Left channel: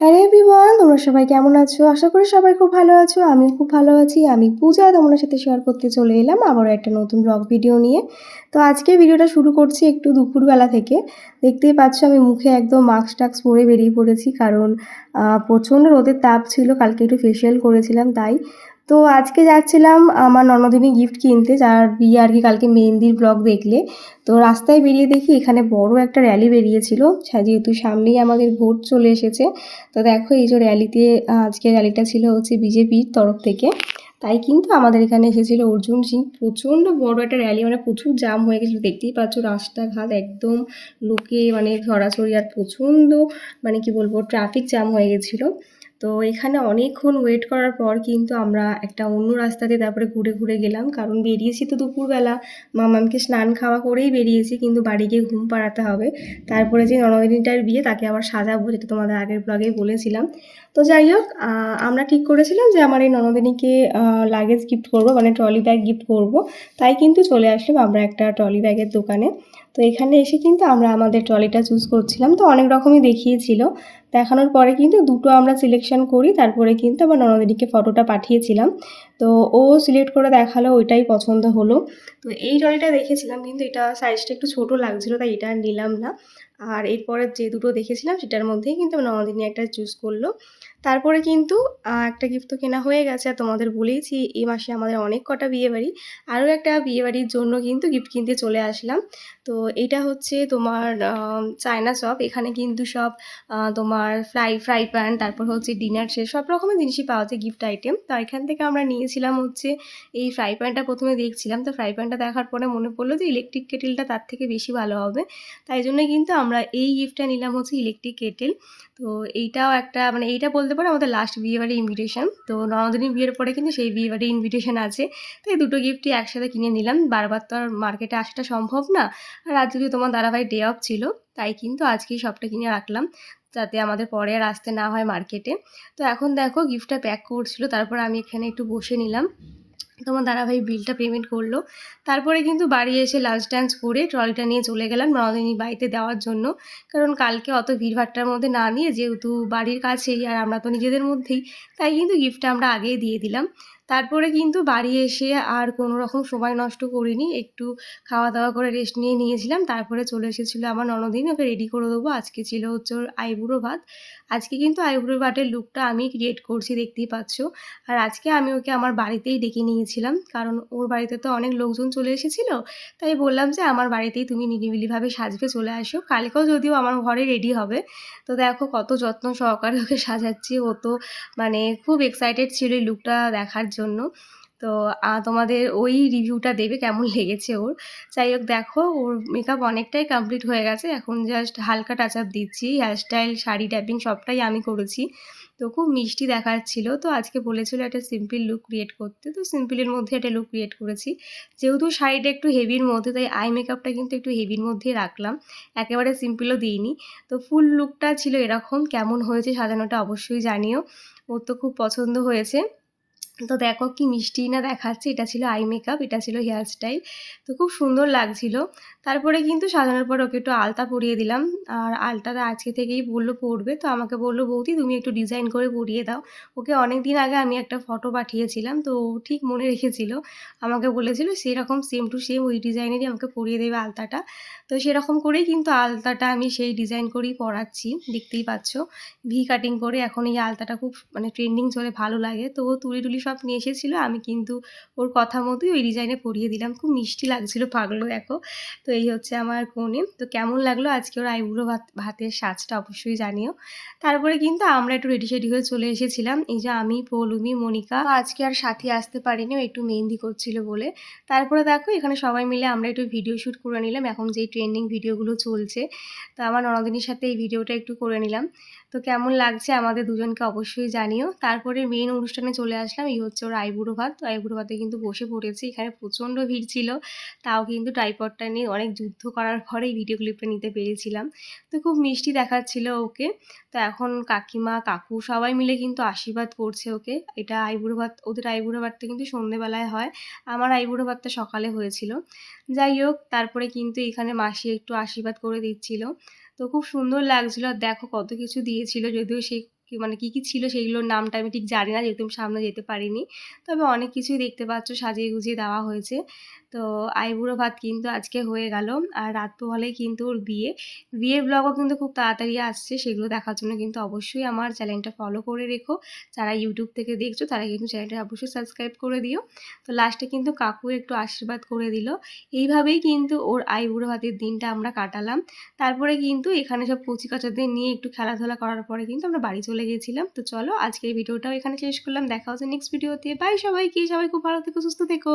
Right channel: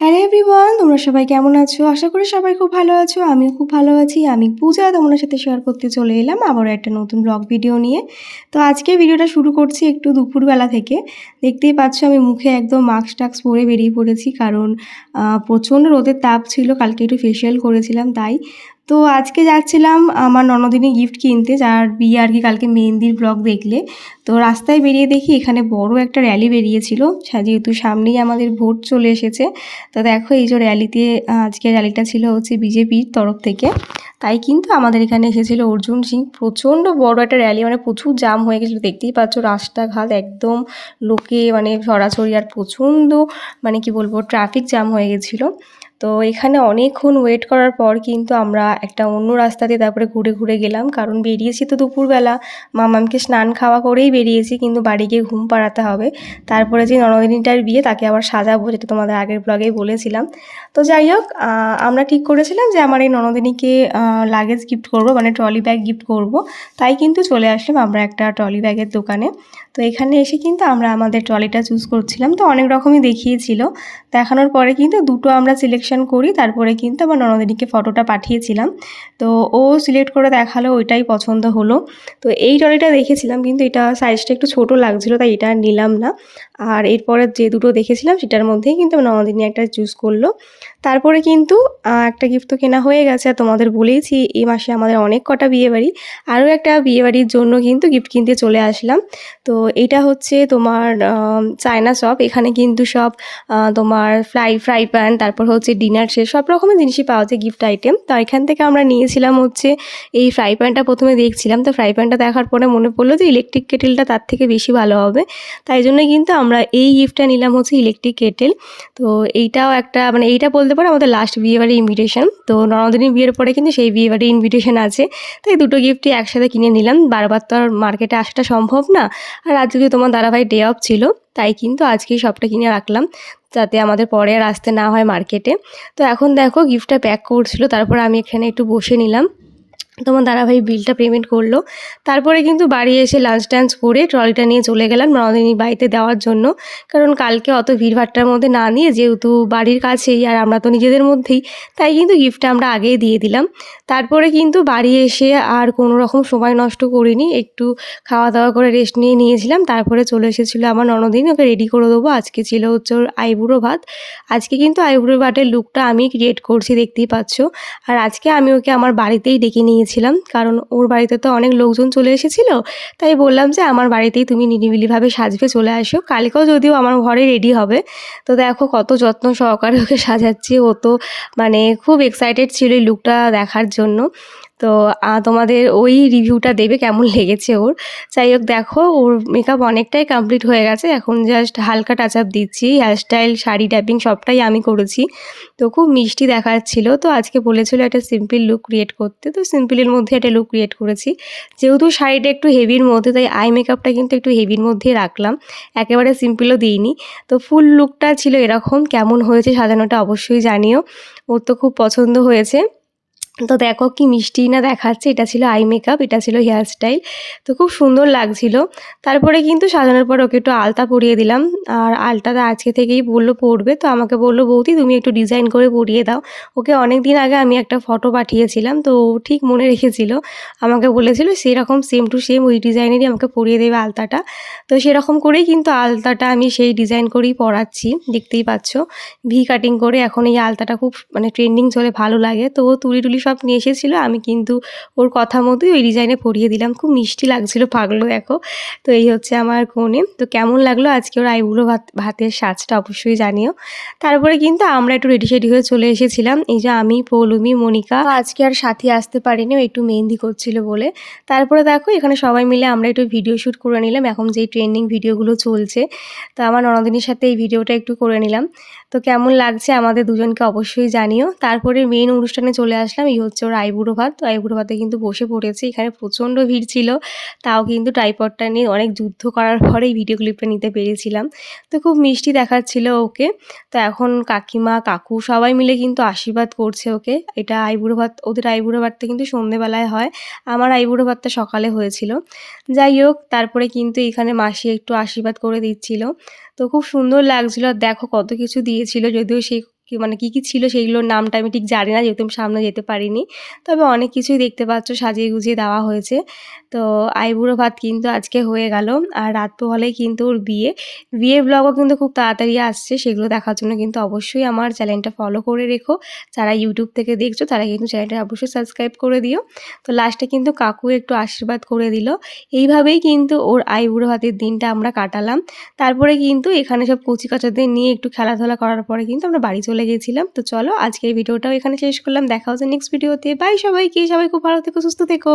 Hello everyone, তোমরা সবাই কেমন আছো? আশা করি সবাই খুব ভালো আছো। আমিও খুব ভালো আছি। আমি পূজা তোমাদের সাথে শেয়ার করতে চলে এলাম আবারও একটা নতুন ব্লগ ভিডিও নিয়ে। তো আজকে ভিডিওটা শুরু করছি একটু দুপুরবেলা থেকে। দেখতেই পাচ্ছ আমি মুখে একদম মাস্ক-টাস্ক পরে বেরিয়ে পড়েছি কারণ প্রচণ্ড রোদের তাপ ছিল। কালকে একটু ফেসিয়াল করেছিলাম তাই। তো আজকে যাচ্ছিলাম আমার ননদিনী গিফট কিনতে, যার বিয়ে আর কি কালকে মেহেন্দির ব্লগ দেখলে। তো রাস্তায় বেরিয়ে দেখি এখানে বড় একটা র্যালি বেরিয়েছিল। যেহেতু সামনেই আমাদের ভোট চলে এসেছে। তো দেখো এই যে র্যালিতে আজকে র্যালিটা ছিল হচ্ছে বিজেপির তরফ থেকে। তাই কিন্তু আমাদের এখানে এসেছিল অর্জুন সিং। প্রচণ্ড বড় একটা র্যালি, মানে প্রচুর জাম হয়ে গেছিলো, দেখতেই পাচ্ছ রাস্তাঘাট একদম লোকে মানে ছড়াছড়ি, আর প্রচণ্ড মানে কি বলবো ট্রাফিক জ্যাম হয়ে গেছিলো। তো এখানে অনেকক্ষণ ওয়েট করার পর কিন্তু আমরা একটা অন্য রাস্তা দিয়ে তারপরে ঘুরে ঘুরে গেলাম, কারণ বেরিয়েছি তো দুপুরবেলা, মামামকে স্নান খাওয়া করেই বেরিয়েছি, কিন্তু বাড়ি গিয়ে ঘুম পাড়াতে হবে। তারপরে যে ননদিনীটার বিয়ে তাকে আবার সাজাবো, যেটা তোমাদের আগের ব্লগেই বলেছিলাম। তো যাই হোক, আমরা ঠিক করেছিলাম যে আমার এই ননদিনীকে লাগেজ গিফট করব, মানে ট্রলি ব্যাগ গিফট করব। তাই কিন্তু চলে আসলাম আমরা একটা ট্রলি ব্যাগের দোকানে। তো এখানে এসে কিন্তু আমরা আমাদের ট্রলিটা চুজ করছিলাম, তো অনেক রকমই দেখিয়েছিল। দেখানোর পরে কিন্তু দুটো আমরা সিলেকশন করি, তারপরে কিন্তু আমার ননদিনীকে ফটোটা পাঠিয়েছিলাম। তো ও সিলেক্ট করে দেখালো, ওইটাই পছন্দ হলো। তো এই ট্রলিটা দেখেছিলাম, কিন্তু এটা সাইজটা একটু ছোট লাগছিলো, তাই এটা নিলাম না। আর এরপরে যে দুটো দেখেছিলাম সেটার মধ্যেই কিন্তু আমার ননদিনী একটা চুজ করলো। তারপরে কিন্তু একটা গিফট তো কেনা হয়ে গেছে, আর তোমাদের বলেইছি এই মাসে আমাদের অনেক কটা বিয়েবাড়ি। আরও একটা বিয়েবাড়ির জন্য কিন্তু গিফট কিনতে চলে আসলাম। তো এইটা হচ্ছে তোমার চায়না শপ। এখানে কিন্তু সব তোমার ফ্রাই প্যান, তারপর হচ্ছে ডিনার সেট, সব রকমের জিনিসই পাওয়া যায় গিফট আইটেম। তো এখান থেকে আমরা নিয়েছিলাম হচ্ছে এই ফ্রাই প্যানটা। প্রথমে দেখছিলাম, তো ফ্রাই প্যানটা দেখার পরে মনে পড়লো যে ইলেকট্রিক কেটেলটা তার থেকে বেশি ভালো হবে। তাই জন্য কিন্তু আমরা এই গিফটটা নিলাম হচ্ছে ইলেকট্রিক কেটেল। তো এইটাও একটা মানে এইটা বলতে পারো আমাদের লাস্ট বিয়েবাড়ির ইনভিটেশন। তো ননদিনীর বিয়ের পরে কিন্তু সেই বিয়েবাড়ির ইনভিটেশন আছে, তাই দুটো গিফটই একসাথে কিনে নিলাম। বারবার তো আর মার্কেটে আসাটা সম্ভব না। আর আজকে তোমার দাদাভাই ডে অফ ছিল, তাই কিন্তু আজকেই সবটা কিনে রাখলাম, যাতে আমাদের পরে আর আসতে না হয় মার্কেটে। তো এখন দেখো গিফটটা প্যাক করছিল, তারপর আমি এখানে একটু বসে নিলাম। তোমার দাদাভাই বিলটা পেমেন্ট করলো। তারপরে কিন্তু বাড়ি এসে লাঞ্চ টাঞ্চ করে ট্রলিটা নিয়ে চলে গেলাম ননদিনীর বাড়িতে দেওয়ার জন্য। কারণ কালকে অত ভিড়ভাট্টার মধ্যে না নিয়ে, যেহেতু বাড়ির কাছেই আর আমরা তো নিজেদের মধ্যেই, তাই কিন্তু গিফটটা আমরা আগেই দিয়ে দিলাম। তারপরে কিন্তু বাড়ি এসে আর কোনো রকম সময় নষ্ট করিনি, একটু খাওয়া দাওয়া করে রেস্ট নিয়ে নিয়েছিলাম। তারপরে চলে এসেছিলো আমার ননদিনী, ওকে রেডি করে দেবো। আজকে ছিল হচ্ছে ওর আইবুড়ো ভাত। আজকে কিন্তু আইবুড়ো ভাতের লুকটা আমি ক্রিয়েট করছি, দেখতেই পাচ্ছ। আর আজকে আমি ওকে আমার বাড়িতেই ডেকে নিয়েছিলাম, কারণ ওর বাড়িতে তো অনেক লোকজন চলে এসেছিলো। তাই বললাম যে আমার বাড়িতেই তুমি নিরিবিলিভাবে সাজবে, চলে আসো। কালকেও যদিও আমার ঘরে রেডি হবে। তো দেখো কত যত্ন সহকারে ওকে সাজাচ্ছি। ও তো মানে খুব এক্সাইটেড ছিল এই লুকটা দেখার জন্য। তো তোমাদের ওই রিভিউটা দেবে কেমন লেগেছে ওর। যাই হোক, দেখো ওর মেকআপ অনেকটাই কমপ্লিট হয়ে গেছে, এখন জাস্ট হালকা টাচ আপ দিচ্ছি। হেয়ারস্টাইল, শাড়ি, ট্যাপিং সবটাই আমি করেছি। তো খুব মিষ্টি দেখাচ্ছিল। তো আজকে বলেছিল একটা সিম্পল লুক ক্রিয়েট করতে, তো সিম্পলের মধ্যে একটা লুক ক্রিয়েট করেছি। যেহেতু শাড়িটা একটু হেভির মধ্যে, তাই আই মেকআপটা কিন্তু একটু হেভির মধ্যেই রাখলাম, একেবারে সিম্পলও দিইনি। তো ফুল লুকটা ছিল এরকম। কেমন হয়েছে সাজানোটা অবশ্যই জানিও। ওর তো খুব পছন্দ হয়েছে। তো দেখো কি মিষ্টি না দেখাচ্ছে। এটা ছিল আই মেকআপ, এটা ছিল হেয়ারস্টাইল। তো খুব সুন্দর লাগছিল। তারপরে কিন্তু সাজানোর পর ওকে একটু আলতা পরিয়ে দিলাম। আর আলতাটা আজকে থেকেই বললো পরবে। তো আমাকে বললো, বৌদি তুমি একটু ডিজাইন করে পরিয়ে দাও। ওকে অনেক দিন আগে আমি একটা ফটো পাঠিয়েছিলাম, তো ও ঠিক মনে রেখেছিল। আমাকে বলেছিল সেরকম সেম টু সেম ওই ডিজাইনেরই আমাকে পরিয়ে দেবে আলতাটা। তো সেরকম করেই কিন্তু আলতাটা আমি সেই ডিজাইন করেই পরাচ্ছি, দেখতেই পাচ্ছ। ভি কাটিং করে এখন এই আলতাটা খুব মানে ট্রেন্ডিং চলে, ভালো লাগে। তো ও তুলি টুলি সব নিয়ে এসেছিলো, আমি কিন্তু ওর কথা মতোই ওই ডিজাইনে পরিয়ে দিলাম। খুব মিষ্টি লাগছিল, পাগলো দেখো। তো এই হচ্ছে আমার কনে। তো কেমন লাগলো আজকে ওর আইবুড়ো ভাতের সাজটা অবশ্যই জানিও। তারপরে কিন্তু আমরা একটু রেডি সেডি হয়ে চলে এসেছিলাম। এই যে আমি, পৌলমি, মনিকা। তো আজকে আর সাথী আসতে পারিনি, ও একটু মেহেন্দি করছিল বলে। তারপরে দেখো এখানে সবাই মিলে আমরা একটু ভিডিও শ্যুট করে নিলাম, এখন যেই ট্রেন্ডিং ভিডিওগুলো চলছে। তো আমার ননদিনীর সাথে এই ভিডিওটা একটু করে নিলাম। তো কেমন লাগছে আমাদের দুজনকে অবশ্যই জানিও। তারপরে মেইন অনুষ্ঠানে চলে আসলাম, এই হচ্ছে ওর আইবুড়ো ভাত। তো আইবুড়ো ভাতে কিন্তু বসে পড়েছি। এখানে প্রচণ্ড ভিড় ছিল, তাও কিন্তু ট্রাইপডটা নিয়ে অনেক যুদ্ধ করার পরে এই ভিডিও ক্লিপটা নিতে পেরেছিলাম। তো খুব মিষ্টি দেখাচ্ছিল ওকে। তো এখন কাকিমা, কাকু সবাই মিলে কিন্তু আশীর্বাদ করছে ওকে। এটা আইবুড়ো ভাত, ওদের আইবুড়ো ভাতটা কিন্তু সন্ধ্যেবেলায় হয়, আমার আইবুড়ো ভাতটা সকালে হয়েছিল। যাই হোক, তারপরে কিন্তু এখানে মাসি একটু আশীর্বাদ করে দিচ্ছিল। তো খুব সুন্দর লাগছিল। আর দেখো কত কিছু দিয়েছিল, যদিও সেই মানে কী ছিল সেইগুলোর নামটা আমি ঠিক জানি না, যেহেতু আমি সামনে যেতে পারিনি। তবে অনেক কিছুই দেখতে পাচ্ছ সাজিয়ে গুজিয়ে দেওয়া হয়েছে। তো আইবুড়ো ভাত কিন্তু আজকে হয়ে গেল। আর রাত পোহালেই কিন্তু ওর বিয়ে। বিয়ের ব্লগও কিন্তু খুব তাড়াতাড়ি আসছে। সেগুলো দেখার জন্য কিন্তু অবশ্যই আমার চ্যানেলটা ফলো করে রেখো। যারা ইউটিউব থেকে দেখছো তারা কিন্তু চ্যানেলটা অবশ্যই সাবস্ক্রাইব করে দিও। তো লাস্টে কিন্তু কাকু একটু আশীর্বাদ করে দিল। এইভাবেই কিন্তু ওর আইবুড়ো ভাতের দিনটা আমরা কাটালাম। তারপরে কিন্তু এখানে সব কচি-কাচাদের নিয়ে একটু খেলাধুলা করার পরে কিন্তু আমরা বাড়ি চলে গিয়েছিলাম। তো চলো আজকের ভিডিওটাও এখানে শেষ করলাম। দেখা হচ্ছে নেক্সট ভিডিওতে। বাই সবাইকে। সবাই খুব ভালো থেকো, সুস্থ থেকো।